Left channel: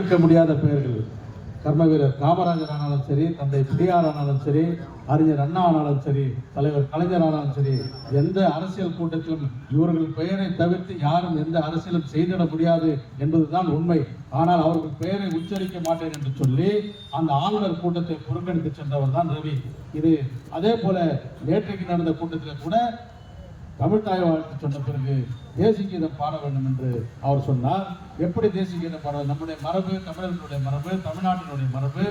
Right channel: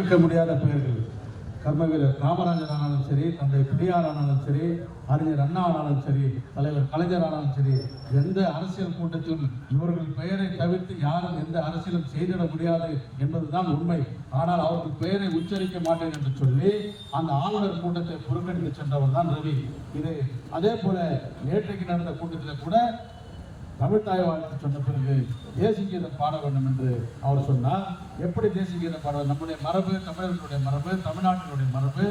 இருக்க முடியாத பெயர்கள். கர்ம வீரர் காமராஜர் ஆனாலும் சரி, தந்தை பெரியார் ஆனாலும் சரி, அறிஞர் அண்ணா ஆனாலும் சரி, தலைவர் கலைஞர் ஆனாலும் சரி, எந்த அரசியல் கூட்டத்திலும் இவர்கள் பெயரை தவிர்த்து யாரும் எந்த அரசியலும் செய்திட முடியாது என்பதுதான் உண்மை. ஆனால் அவர்கள் பெயரை உச்சரிக்க மாட்டேன் என்று சொல்லி அந்த ஆளுநர் கூட்டத்தை புறக்கணித்து சென்றவர் தான் ரவி. இது அதே போல நேற்றைக்கு நடந்த கூட்டத்தில் கூட தமிழ்தாய் வாழ்த்து சொன்ன பிறகு தேசிய கீதம் பாட வேண்டும் என்று அவர் சொன்னார். எப்படி தேசிய கீதம் பாட? நம்முடைய மரபு, தமிழர்களுடைய மரபு, தமிழ்நாட்டினுடைய மரபு,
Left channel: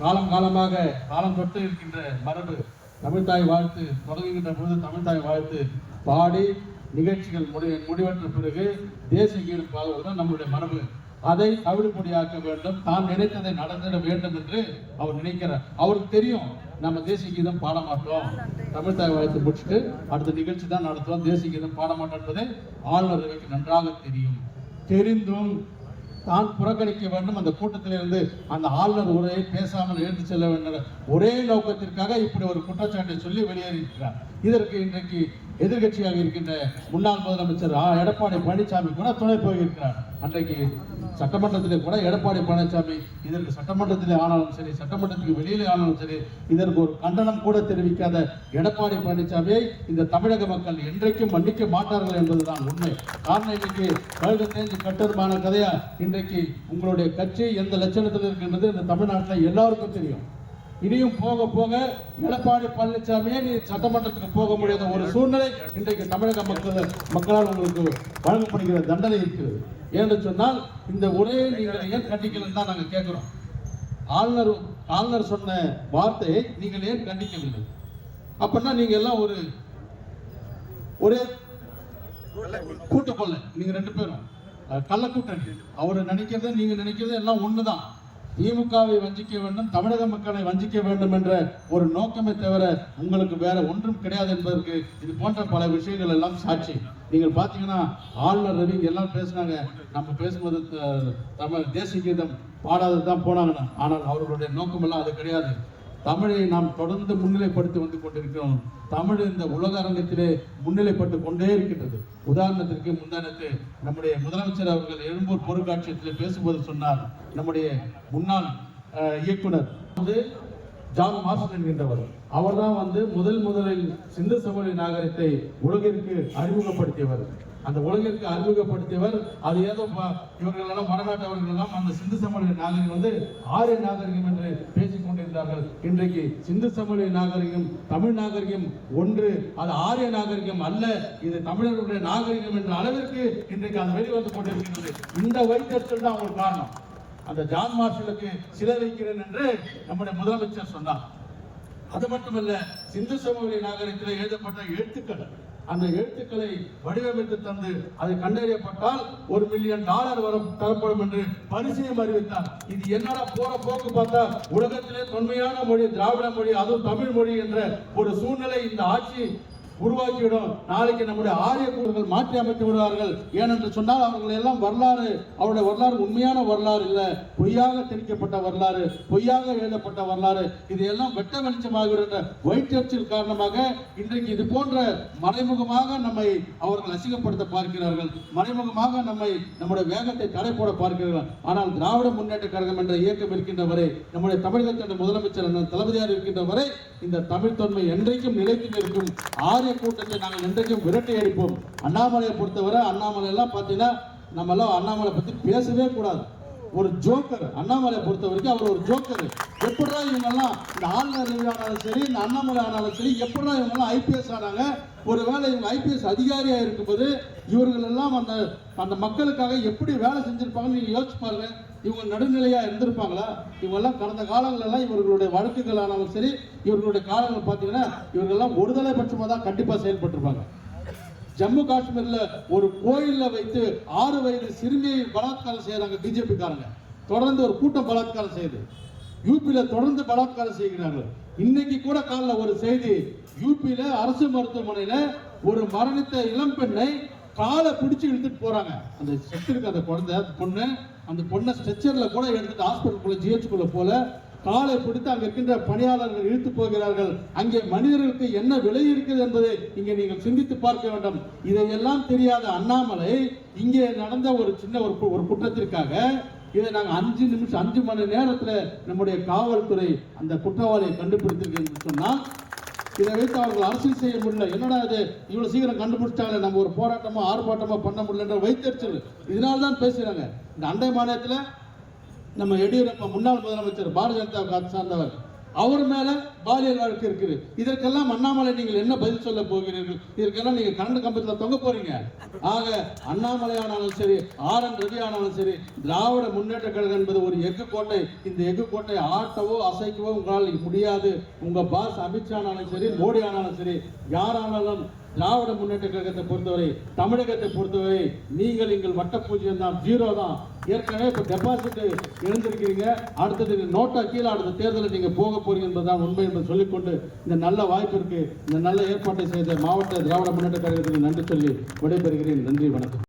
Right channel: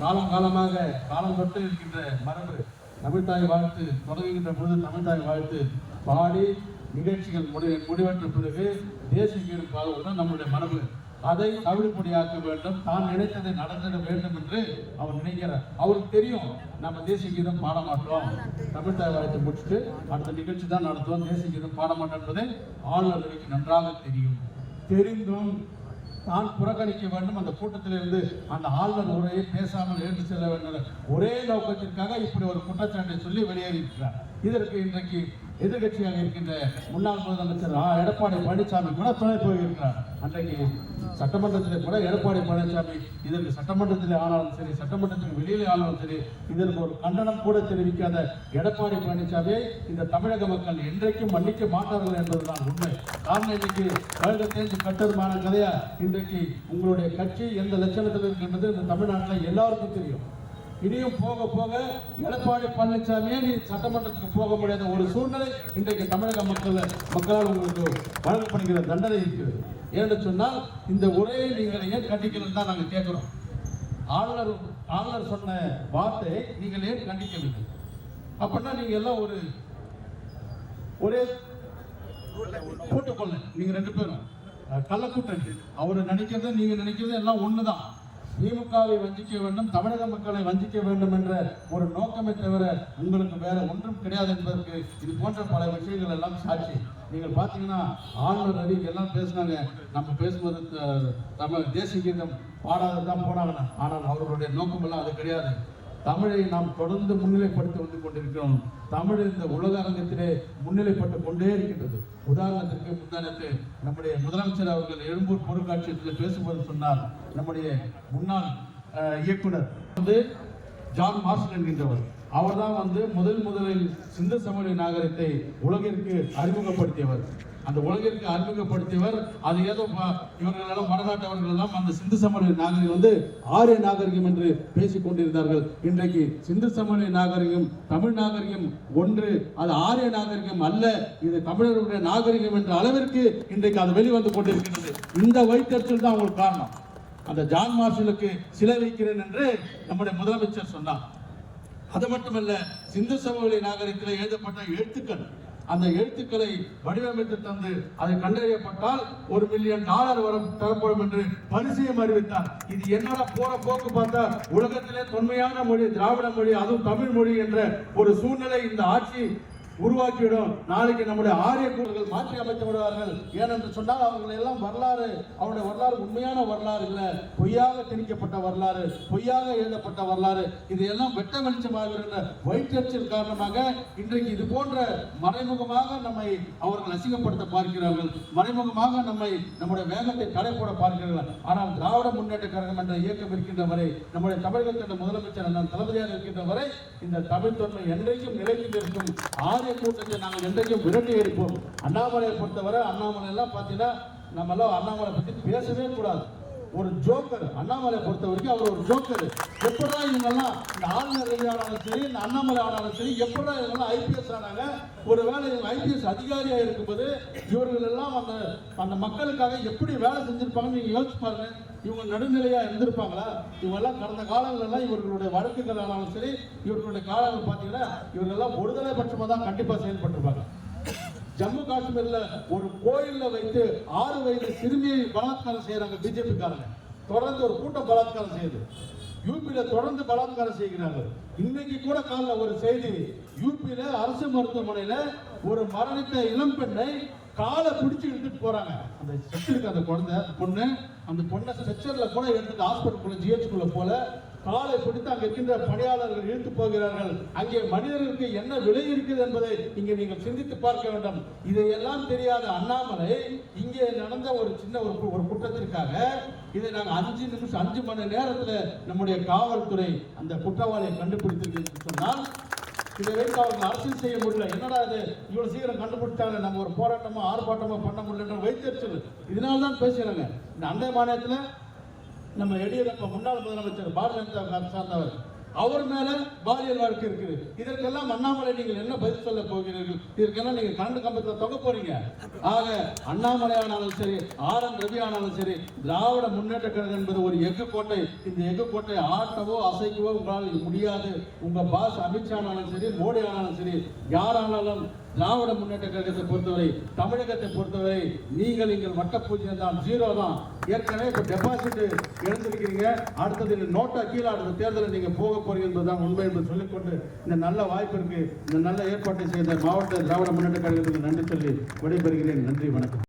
காலம் காலமாக காலம் தொட்டு இருக்கின்ற மரபு. தமிழ்தாய் வாழ்த்து தொடங்குகின்ற போது தமிழ்தாய் வாழ்த்து பாடி நிகழ்ச்சிகள் முடிவற்ற பிறகு தேசிய கீதம் பாடுவதுதான் நம்முடைய மரபு. அதை அவிழ்பொடியாக்க வேண்டும், தான் நினைத்ததை நடந்திட வேண்டும் என்று அவர் நினைக்கிறார். அவருக்கு தெரியும் நம்ம தேசிய கீதம் பாட மாட்டோம், தமிழ்தாய் வாழ்த்து முடிச்சுட்டு அடுத்த நிகழ்ச்சி தான் நடத்துவோம், தேசிய கீதம் பாட மாட்டோம் என்பதை ஆளுநருக்கு நன்றாக தெரியும். தெரிந்தும் தான் புறக்கணிக்க வேண்டும், அந்த கூட்டத்திலிருந்து அந்த ஆளுநர் உரையை பேசாமல் எழுந்து செல்ல வேண்டும் ஒரே நோக்கத்திற்காக இப்படி ஒரு குற்றச்சாட்டை சொல்லி வெளியேறியிருக்கிறார். இதற்கு இன்றைக்கு எதிர்கட்சியாக இருக்கின்ற முன்னாள் முதலமைச்சர் எடப்பாடி பழனிசாமி கூட துணை போயிருக்கிறார். அன்றைக்கு சட்டமன்றத்திலே கூட எடப்பாடி பழனிசாமி இதற்கு சட்டமன்றத்திலே ஆனாலும் சரி, சட்டமன்றத்துக்கு வெளியிலே ஆனாலும் சரி, இதற்கு ஒரு கண்டனம் கூட தெரிவிக்காத எடப்பாடி பழனிசாமியை இந்த தமிழக மக்கள் என்றைக்கும் மன்னிக்க மாட்டார்கள் என்பதுதான் உண்மை. காரணம் இன்றைக்கு கழுகு தேஞ்சு கட்டதுமான கதையா இன்றைக்கு உங்களுடைய கட்சி எந்த லட்சணத்தில் இருக்கின்றது இந்த தமிழ்நாட்டில் எல்லாருக்கும் தெரியும். இனியும் போக போக எடப்பாடி பழனிசாமியே நீ சட்டமன்றத்துக்கு போக முடியாத ஒரு சூழ்நிலை இன்றைக்கு தமிழக மக்களால் உங்களுக்கு வழங்கப்படுகிற தண்டனை இருக்கிறது. ஏன்னு சொன்னால் இந்த உரையை நீங்கள் ஏன் கண்டிக்கலன்னு தான் நாங்கள் கேட்கிறோம். ஆளுநர் சொன்ன வார்த்தையை நீங்கள் ஏன் கண்டிக்கவில்லை? அப்படின்னா நீங்க எல்லாம் ஒரே கூட்டப்படல, நீங்க ரெண்டு பேரும் கள்ள கூட்டணி. அவரை நினைக்கிறது நீங்க நினைக்கிறது எல்லாம் ஒண்ணுதான். திமுகவை வஞ்சிக்க வேண்டும், தமிழக மக்களை வஞ்சிக்க வேண்டும் என்ற ஒரு நோக்கமே தவிர உங்களுக்கு வேற ஒன்றும் கிடையாது என்பதற்கு இது போன்ற பல விஷயங்கள் எல்லாம் சாட்சி. நீங்கள் பார்த்தீங்கன்னா ஆளுநர் ரவி எல்லாம் பேசினாங்க, நம்ம பேசும்போது தமிழ் தேசிய கீதம் பாடாதான் போனாங்க. ஆனால் அவர்களுடைய நோக்கம் எல்லாம் அது கிடையாது. தமிழை நாம் தொடர்ந்து முன்னிலைப்படுத்தி வந்து கொண்டிருக்கிறோம். தமிழ் இந்த உலக அரங்கத்திலே முன்னிலைப்பட்டு கொண்டே இருக்கின்றது. உதாரணத்திற்கு முந்தானத்து நம்முடைய முதலமைச்சர் அவர்கள் எழும்பூர் பொருட்காட்சியத்தில் பேசும்போது சொன்னார், நம்முடைய முன்னாள் இயக்குனர் ஜான் மார்ஷல் என்கின்றவர், அவர் தான் முதலில் சிந்து சமவெளி நாகரிகத்தை உலகிற்கு அறிமுகப்படுத்தியவர். அந்த உலகிற்கு அறிமுகப்படுத்தியவர். அது ஏதோ இவர்கள் எல்லாம் வடநாட்டவர்கள் எல்லாம் அந்த சிந்து சமவெளி நாகரிகம் ஆரிய நாகரிகம் என்று பேசிக் கொண்டிருந்தார்கள். இன்றைக்கு சிந்து சமவெளி நாகரிகம் தமிழ் நாகரிகம் ஒன்று, அது ஆரிய நாகரிகம் அல்ல, இது தமிழர்களுடைய நாகரிகம் என்ற அளவிற்கு இன்றைக்கு அது வெளிவந்து கொண்டிருக்கிறது. இந்த வைத்தறிச்சல் தான் உங்களுக்கு காரணம். அந்த ஜான் மார்ஷலுக்கு சிலை வைக்கிறேன் என்று நம்முடைய முதலமைச்சர் சொன்னார். அது மட்டுமல்ல, சிந்து சமவெளி நாகரிகத்தில் எழுதப்பட்ட எழுத்துக்கள், அந்த எழுத்துக்களை வடிவமைத்து தந்து அதை கண்டறியப்பட்டால் $1 மில்லியன் வரும் தரப்படும் என்று பரிசையும் அறிவித்தார். இது என்னடா போற போக்கு பார்த்தா உலகத்திலே தொன்மையான மொழி திராவிட மொழி, அதுவும் தமிழ் மொழி என்ற ஒரு சூழ்நிலை இந்த ஆட்சி உருவாக்கிவிடும். நாளைக்கு நம்முடைய ஆரிய கூறுகள் மாற்றி அமைத்து விடுவார்கள். ஏனென்று சொன்னால் அவர்கள் எல்லாம் வரலாறு, அவருடைய வரலாறு உண்மையான வரலாறு இல்லை, பொய்யாக திணிக்கப்பட்ட வரலாறு, பொய்யாக எழுதப்பட்ட வரலாறு. இது எல்லாம் வெட்ட வெளிச்சமாகிற வயிற்றறிச்சல் காரணமாக இன்றைக்கு இது போன்ற மறைமுகமாக நம்மை அவர்கள் அசிங்கப்படுத்த பார்க்கிறார்கள், மறைமுகமாக நம்முடைய வேகத்தை தடை போட பார்க்கிறார்கள். ஆனால் திராவிட முன்னேற்ற கழகம் என்ற இயக்கம் இருக்கின்ற வரை, நம்முடைய தமிழகத்தின் முதலமைச்சர் தளபதியார் இருக்கின்ற வரை இந்த தமிழ் தொன்மை என்றைக்கும் நிலைத்து நிற்கும். கூட்டத்தை நாங்கள் இன்றைக்கும் விரட்டி எடுப்போம். அண்ணாமலையை பொறுத்தவரை, அண்ணாமலை எல்லாம் பார்த்தீங்கன்னா நம்ம எல்லாம் அண்ணாமலை பத்தி பேசவே கூடாது. ஒரு ஜோக்கர். அண்ணாமலை பொறுத்த வரைக்கும் அவர் ஒரு ஜோக்கர். எப்படா இவங்கெல்லாம் இந்த ஆளுநர் ஆனாலும் சரி, இந்த அண்ணாமலை ஆனாலும் சரி, எப்படா இவங்கெல்லாம் ஐபிஎஸ் ஆனாங்க? ஒருவேளை இவங்க ஐபிஎஸ் அதிகாரியா இருக்கும்போது இவர்கள் எல்லாம் அந்த மக்களுக்காக எப்படி வேலை செஞ்சிருப்பாங்கன்னு நீங்க யோசிச்சு பாருங்க. இவங்க நடுநிலையா இருந்திருப்பாங்களா? இவங்கெல்லாம் கடந்த காலங்களெல்லாம் இவர்களுடைய வழக்குகள் ஆனாலும் சரி, இவர்களுடைய காலங்கள் பார்த்தீங்கன்னா இவர்களெல்லாம் ஒருதலை பட்சமா தான் கண்டிப்பா செயல்பட்டிருப்பாங்க. ஜம்மு காஷ்மீர்ல ஒரு கோயில்ல வைத்து 6 வயது சிறுமியை பலாத்காரம் செய்யறாங்க பிஜேபி காரங்க. தொடர்ந்து ஒரு கூட்டம் பலாத்காரம் செய்யுது. யூபியில தொடர்ந்து பலாத்காரம் செய்கிறார்கள். இன்னைக்கு கூட காலைல ஒரு செய்தி, யூபியில அரசு மருத்துவமனையில ஒரு மரணித்த இளம் பெண்ணை காலை பிடிச்சு இழுத்துட்டு போறாங்க. அந்த செத்துருக்கு அந்த குழந்தை பொண்ணு, அந்த பொண்ணை ஸ்ட்ரெச்சர்ல கூட எடுத்துட்டு ஹாஸ்பிட்டல் ஜிஹெச்குள்ள போல காலை பிடித்து அங்க இருக்கின்ற பணியாளர்கள் இழுத்து போகிறார்கள். அங்கே மனிதர்களுக்கு என்ன விலை இருக்கிறது என்பதை இங்கே நீங்கள் சிந்தித்து பார்க்க வேண்டும். இதையெல்லாம் தெரியாத அண்ணாமலை இங்கே நடந்த ஒரு சின்ன ஒரு குற்றத்திற்காக இதை நாங்கள் 5 மணி நேரத்தில் நம்முடைய காவல்துறை அந்த குற்றவாளியை கண்டுபிடித்திருக்கு சொன்னால் இதை வைத்து அவர்கள் அரசியல் செய்ய முடியல. என்னடா இது இவ்வளவு சீக்கிரம் கண்டுபிடிச்சாலே நம்ம ஒரு போராட்டமோ ஆர்ப்பாட்டமோ பண்ண முடியலன்ற வைத்தறிச்சல் இதனால தான் பேசுகிறாங்க. இந்த அண்டை மாநிலத்தில் நம்ம எடியூரப்பா முன்னாள் முதலமைச்சர் பாரதிய ஜனதா சார்ந்தவர் அவர் மேல பாலியல் வழக்கு இருக்குது. இதற்கெல்லாம் அண்ணாமலை நீங்கள் என்ன பதில் சொல்ல போகிறீர்கள்? இதற்கெல்லாம் நீங்க கரண்ட் கம்பத்தில் தொங்க போறீங்க. ஆக அண்ணாமலை ஆனாலும் சரி, RN ரவி ஆனாலும் சரி, திராவிட முன்னேற்ற கழகம் என்பது ஒரு எஃகு கோட்டை. இந்த எஃகு கோட்டை ஆட்டவோ அசைக்கவோ உங்களால் முடியாது. உங்க பாஸ் அமித்ஷா ஆனாலும் சரி, மோடி ஆனாலும் சரி, யாரானாலும் திராவிட முன்னேற்ற கழகத்தை பொறுத்தவரை, தமிழகத்தை பொறுத்தவரை நீங்கள் எங்கள் வட்ட பூஜ்ஜியம் தான், 0 தான். ஏற்கனவே இப்ப டெபாசிட் எழுந்திருக்கிறீங்க. அடுத்தது நோட்டா கீழே அடுத்த தேர்தலில் நீங்க போக போறீங்க என்பதுதான் உண்மை என்று சொல்லிக்கொண்டு இந்த நல்ல வாய்ப்பிற்கு இந்த நல்ல ஏற்பாட்டை செய்த மாவட்ட திராவிட முன்னேற்ற கழகத்துக்கு நன்றி சொல்லி விடைபெறுகிறேன். நன்றி, வணக்கம்.